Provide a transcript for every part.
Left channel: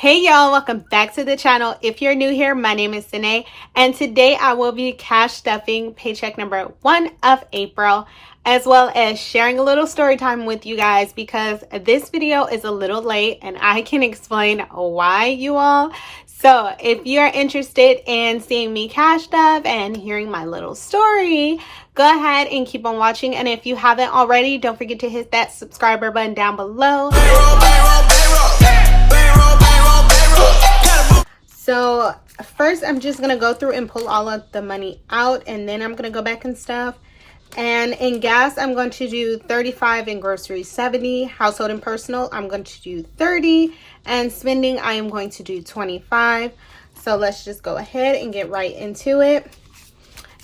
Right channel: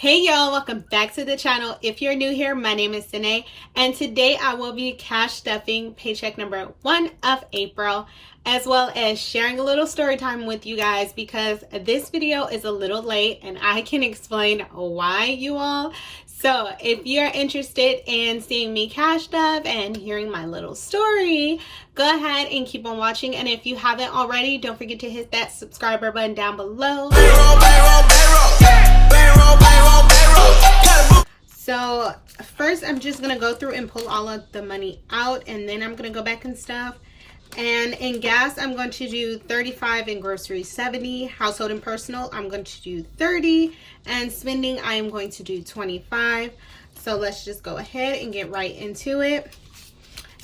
Hey y'all, welcome back to the channel. If you're new here, my name is Cinae, and today I will be cash stuffing paycheck number 1 of April, as well as sharing a little story time with you guys because this video is a little late and I can explain why, you all. So if you're interested in seeing me cash stuff and hearing my little story, go ahead and keep on watching. And if you haven't already, don't forget to hit that subscriber button down below. So first I'm just gonna go through and pull all of the money out, and then I'm gonna go back and stuff. And in gas I'm going to do 35, in groceries 70, household and personal I'm going to do 30, and spending I am going to do 25. So let's just go ahead and get right into it.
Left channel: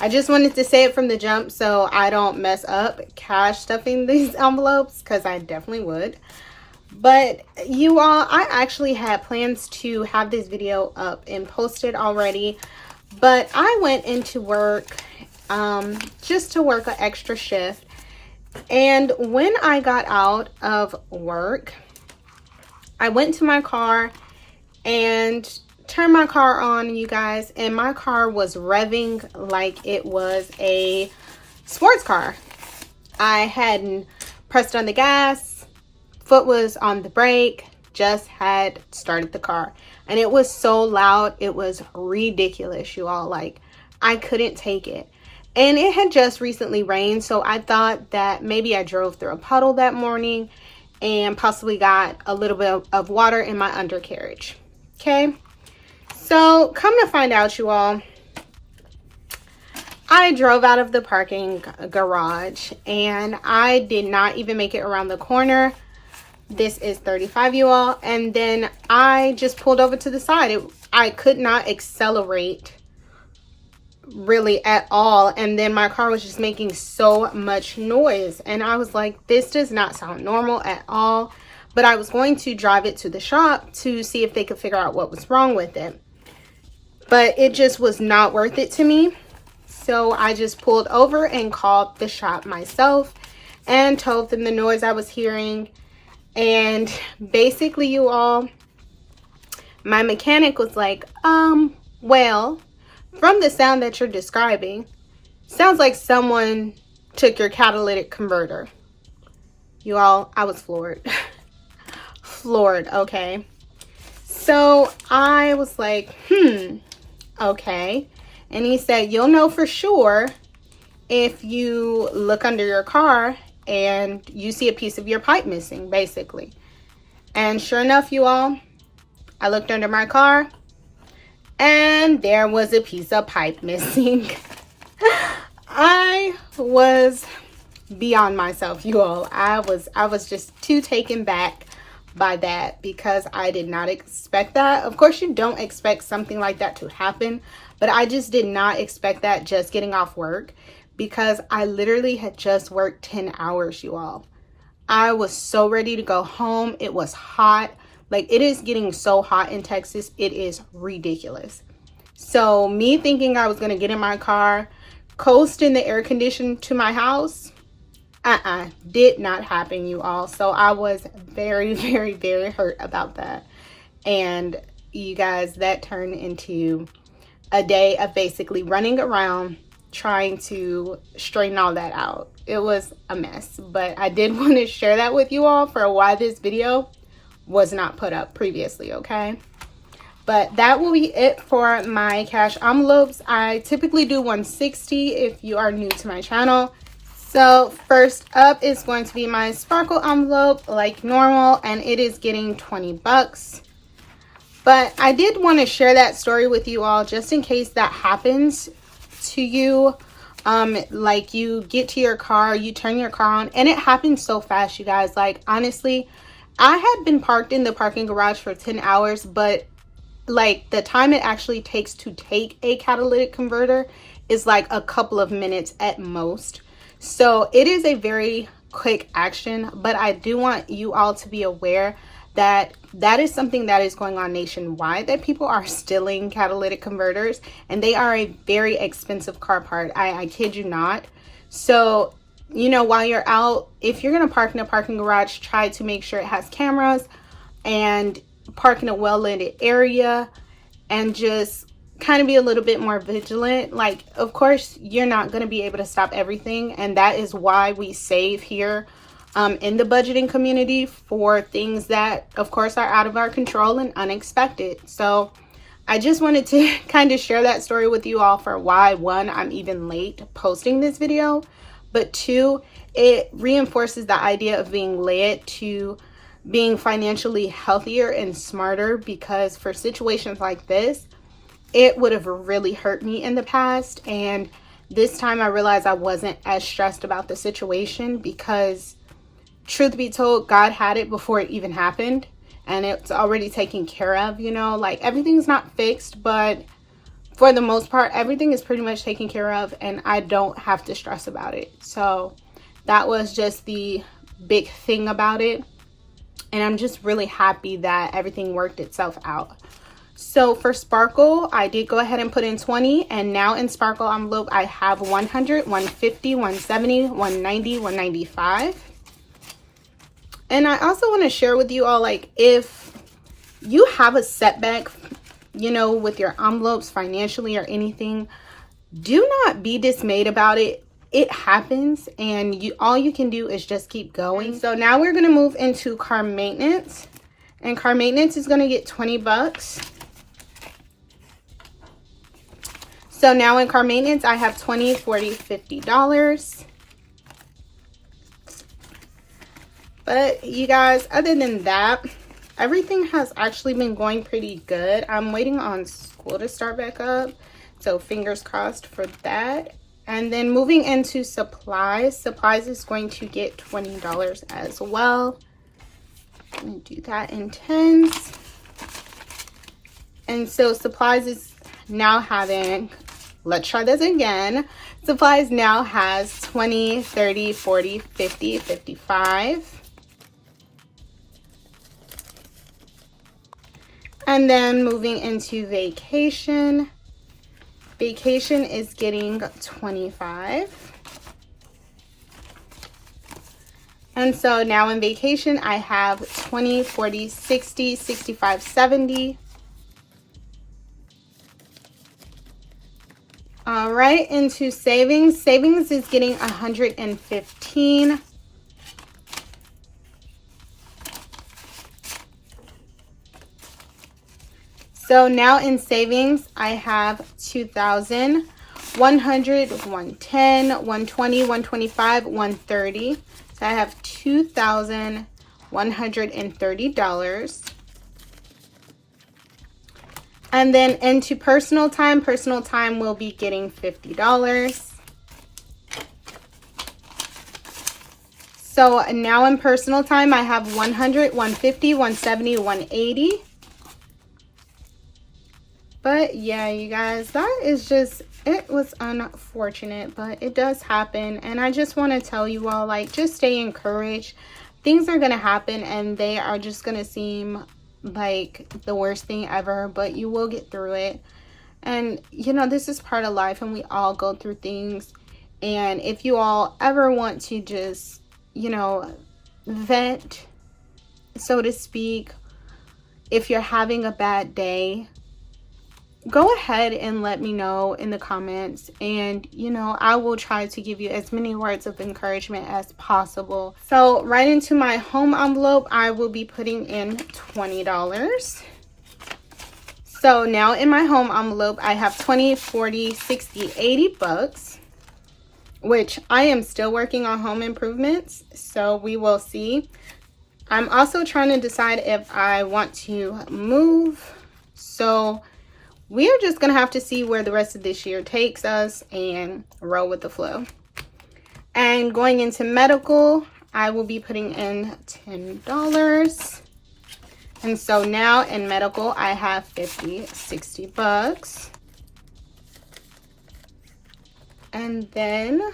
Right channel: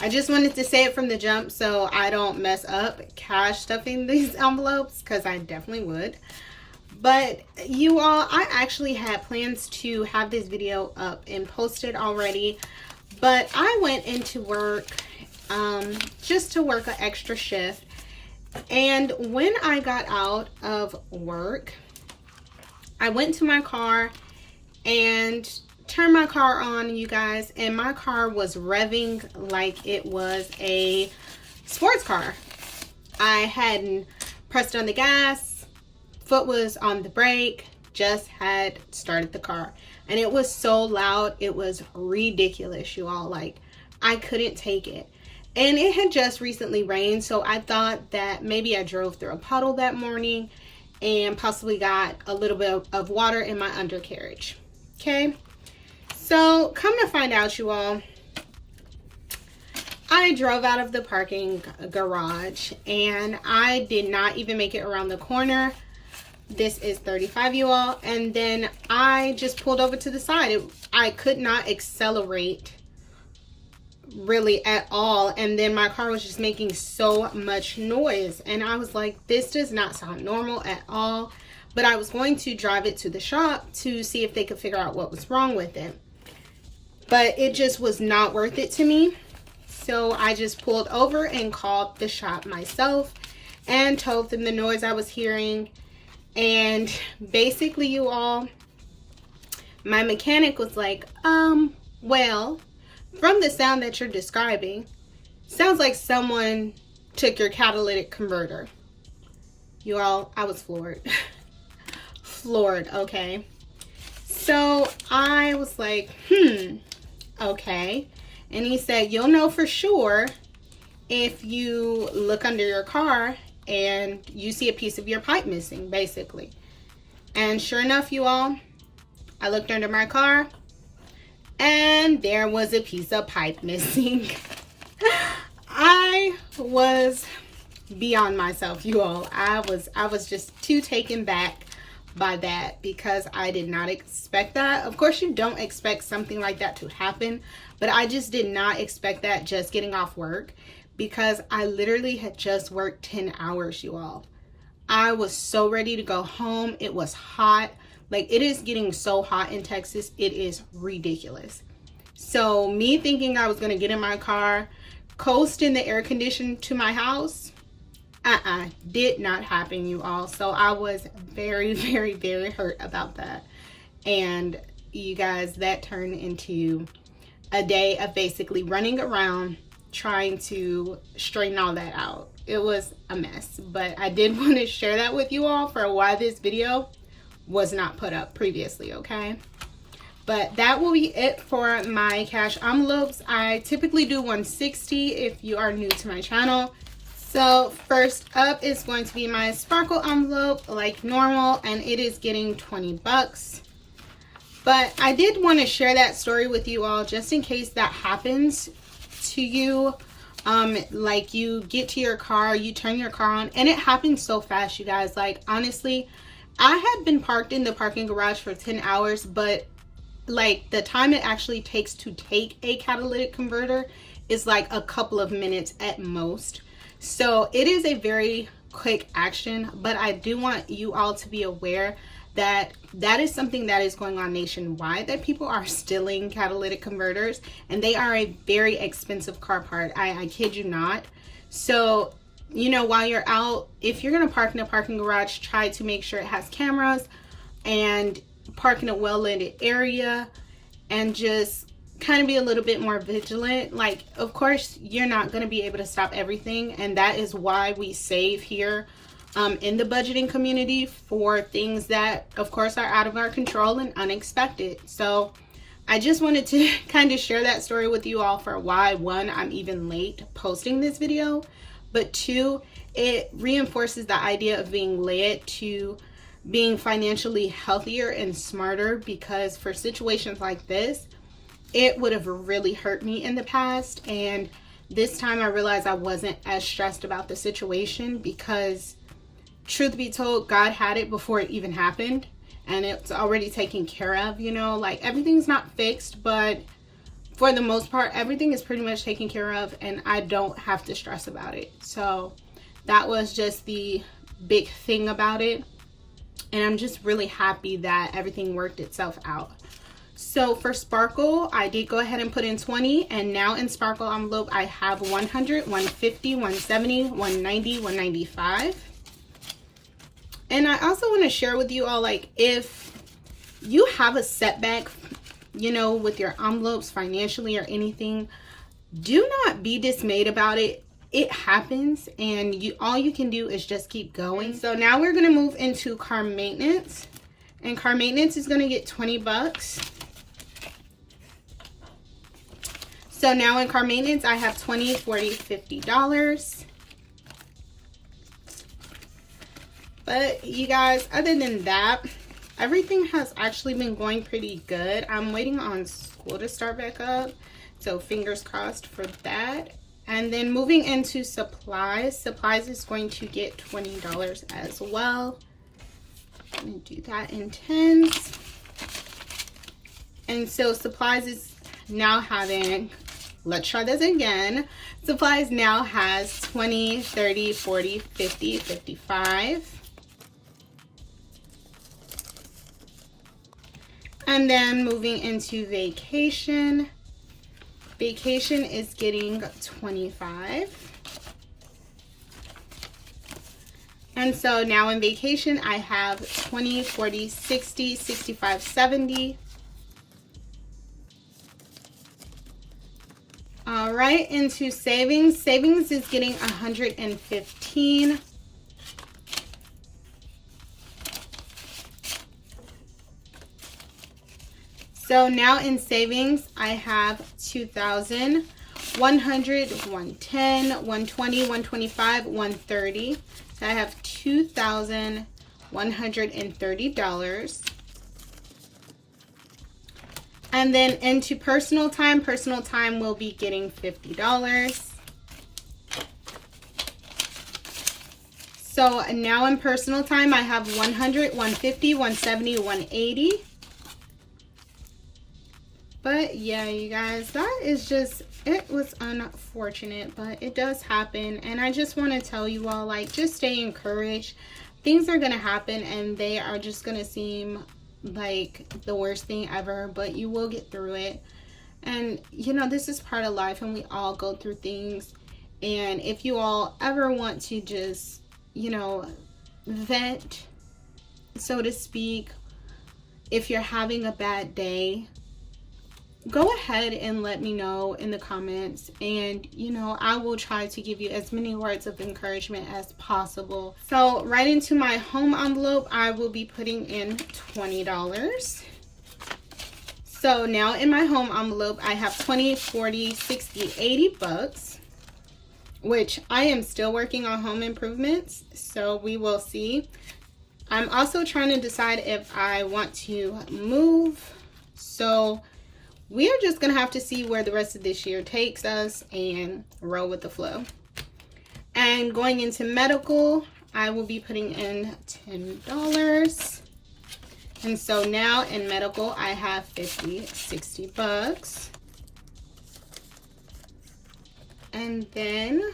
I just wanted to say it from the jump so I don't mess up cash stuffing these envelopes, because I definitely would. But you all, I actually had plans to have this video up and posted already, but I went into work just to work an extra shift. And when I got out of work, I went to my car and turned my car on, you guys, and my car was revving like it was a sports car. I hadn't pressed on the gas, foot was on the brake, just had started the car, and it was so loud, it was ridiculous, you all. Like, I couldn't take it. And it had just recently rained, so I thought that maybe I drove through a puddle that morning and possibly got a little bit of water in my undercarriage. Okay, so come to find out, you all, I drove out of the parking garage and I did not even make it around the corner. This is 35, you all, and then I just pulled over to the side. I could not accelerate really at all, and then my car was just making so much noise, and I was like, this does not sound normal at all. But I was going to drive it to the shop to see if they could figure out what was wrong with it, but it just was not worth it to me. So I just pulled over and called the shop myself and told them the noise I was hearing. And basically, you all, my mechanic was like, well, from the sound that you're describing, sounds like someone took your catalytic converter. You all, I was floored. Floored, okay. So I was like, okay. And he said, you'll know for sure if you look under your car and you see a piece of your pipe missing, basically. And sure enough, you all, I looked under my car and there was a piece of pipe missing. I was beyond myself, you all. I was just too taken back by that, because I did not expect that. Of course, you don't expect something like that to happen, but I just did not expect that just getting off work, because I literally had just worked 10 hours, you all. I was so ready to go home. It was hot. Like, it is getting so hot in Texas. It is ridiculous. So me thinking I was going to get in my car, coast in the air condition to my house, did not happen, you all. So I was very, very, very hurt about that. And you guys, that turned into a day of basically running around trying to straighten all that out. It was a mess, but I did want to share that with you all for why this video was not put up previously, okay? But that will be it for my cash envelopes. I typically do 160 if you are new to my channel. So first up is going to be my sparkle envelope like normal, and it is getting 20 bucks. But I did want to share that story with you all just in case that happens to you. Like, you get to your car, you turn your car on, and it happens so fast, you guys. Like, honestly, I had been parked in the parking garage for 10 hours, but like, the time it actually takes to take a catalytic converter is like a couple of minutes at most. So it is a very quick action, but I do want you all to be aware that that is something that is going on nationwide, that people are stealing catalytic converters, and they are a very expensive car part. I kid you not. So, you know, while you're out, if you're going to park in a parking garage, try to make sure it has cameras and park in a well-lit area, and just kind of be a little bit more vigilant. Like, of course, you're not going to be able to stop everything, and that is why we save here in the budgeting community for things that, of course, are out of our control and unexpected. So I just wanted to kind of share that story with you all for why, one, I'm even late posting this video, but two, it reinforces the idea of being led to being financially healthier and smarter, because for situations like this, it would have really hurt me in the past. And this time I realized I wasn't as stressed about the situation, because truth be told, God had it before it even happened, and it's already taken care of. You know, like, everything's not fixed, but for the most part, everything is pretty much taken care of, and I don't have to stress about it. So that was just the big thing about it. And I'm just really happy that everything worked itself out. So for Sparkle, I did go ahead and put in 20, and now in Sparkle envelope, I have 100, 150, 170, 190, 195. And I also want to share with you all, like, if you have a setback, you know, with your envelopes financially or anything, do not be dismayed about it. It happens, and all you can do is just keep going. So now we're going to move into car maintenance, and car maintenance is going to get 20 bucks. So now in car maintenance, I have $20, $40, $50. But you guys, other than that, everything has actually been going pretty good. I'm waiting on school to start back up, so fingers crossed for that. And then moving into supplies, supplies is going to get $20 as well. Let me do that in tens. And so supplies is now having, let's try this again. Supplies now has 20, 30, 40, 50, 55. And then moving into vacation. Vacation is getting 25. And so now in vacation, I have 20, 40, 60, 65, 70. All right, into savings. Savings is getting 115. So now in savings, I have 2,000, 100, 110, 120, 125, 130. So I have $2,130. And then into personal time will be getting $50. So now in personal time, I have 100, 150, 170, 180. But yeah, you guys, that is just, it was unfortunate, but it does happen. And I just want to tell you all, like, just stay encouraged. Things are going to happen, and they are just going to seem like the worst thing ever, but you will get through it. And, you know, this is part of life, and we all go through things. And if you all ever want to just, you know, vent, so to speak, if you're having a bad day, go ahead and let me know in the comments, and you know, I will try to give you as many words of encouragement as possible. So right into my home envelope, I will be putting in $20. So now in my home envelope, I have 20, 40, 60, 80 bucks, which I am still working on home improvements, so we will see. I'm also trying to decide if I want to move, so we are just gonna have to see where the rest of this year takes us and roll with the flow. And going into medical, I will be putting in $10. And so now in medical, I have 50, 60 bucks. And then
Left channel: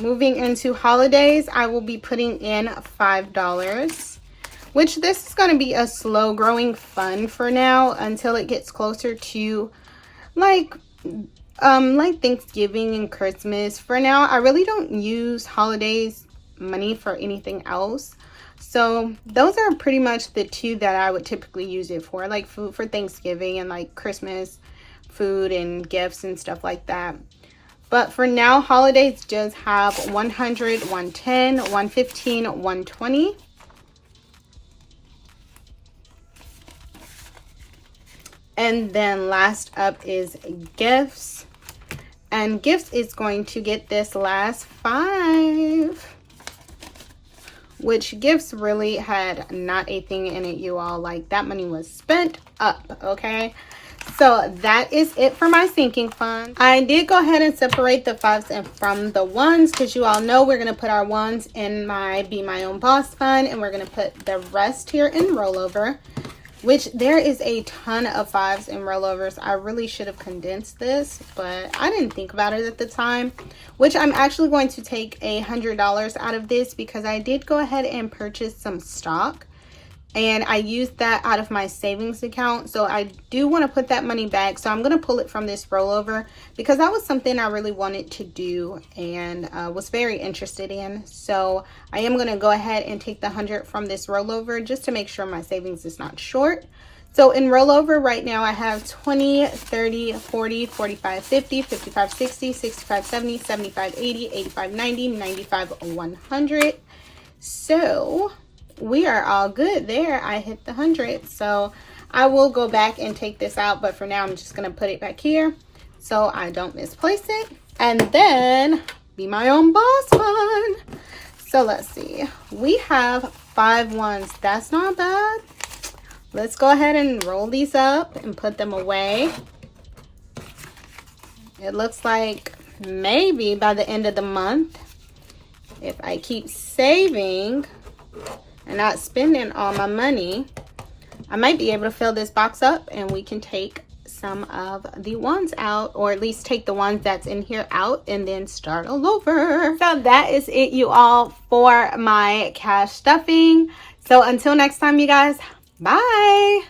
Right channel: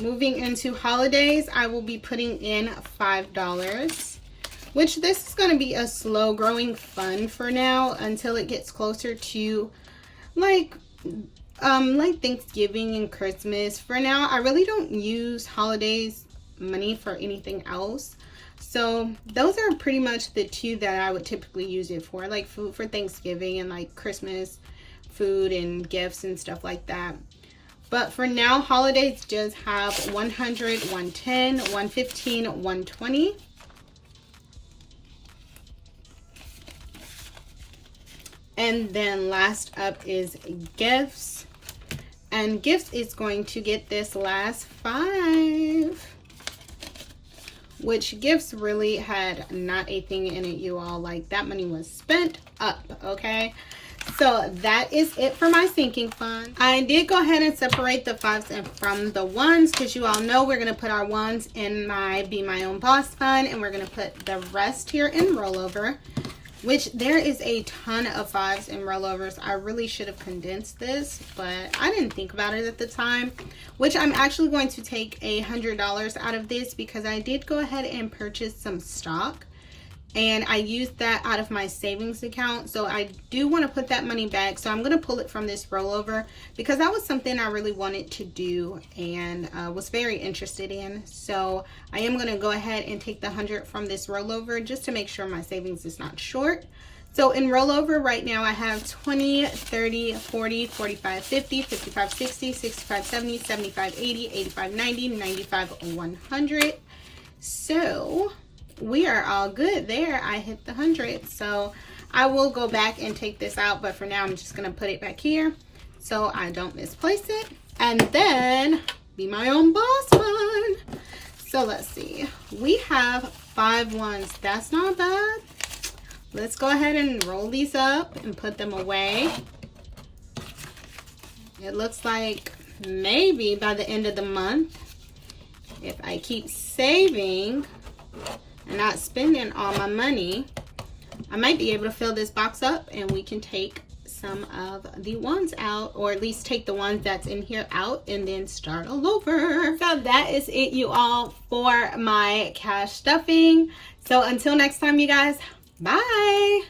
moving into holidays, I will be putting in $5. Which this is going to be a slow growing fund for now until it gets closer to like Thanksgiving and Christmas. For now, I really don't use holidays money for anything else. So those are pretty much the two that I would typically use it for, like food for Thanksgiving and like Christmas food and gifts and stuff like that. But for now, holidays just have 100, 110, 115, 120. And then last up is gifts. And gifts is going to get this last 5. Which gifts really had not a thing in it, you all. Like, that money was spent up, okay? So that is it for my sinking fund. I did go ahead and separate the 5s and from the 1s, because you all know we're going to put our 1s in my Be My Own Boss fund, and we're going to put the rest here in rollover, which there is a ton of 5s in rollovers. I really should have condensed this, but I didn't think about it at the time, which I'm actually going to take $100 out of this because I did go ahead and purchase some stock, and I used that out of my savings account. So I do want to put that money back. So I'm going to pull it from this rollover because that was something I really wanted to do and was very interested in. So I am going to go ahead and take the 100 from this rollover just to make sure my savings is not short. So in rollover right now, I have 20, 30, 40, 45, 50, 55, 60, 65, 70, 75, 80, 85, 90, 95, 100. So we are all good there. I hit the 100. So I will go back and take this out, but for now I'm just going to put it back here so I don't misplace it. And then Be My Own Boss fund. So let's see. We have 5 1s. That's not bad. Let's go ahead and roll these up and put them away. It looks like maybe by the end of the month, if I keep saving and not spending all my money, I might be able to fill this box up and we can take some of the 1s out, or at least take the ones that's in here out and then start all over. So that is it, you all, for my cash stuffing. So until next time, you guys, bye.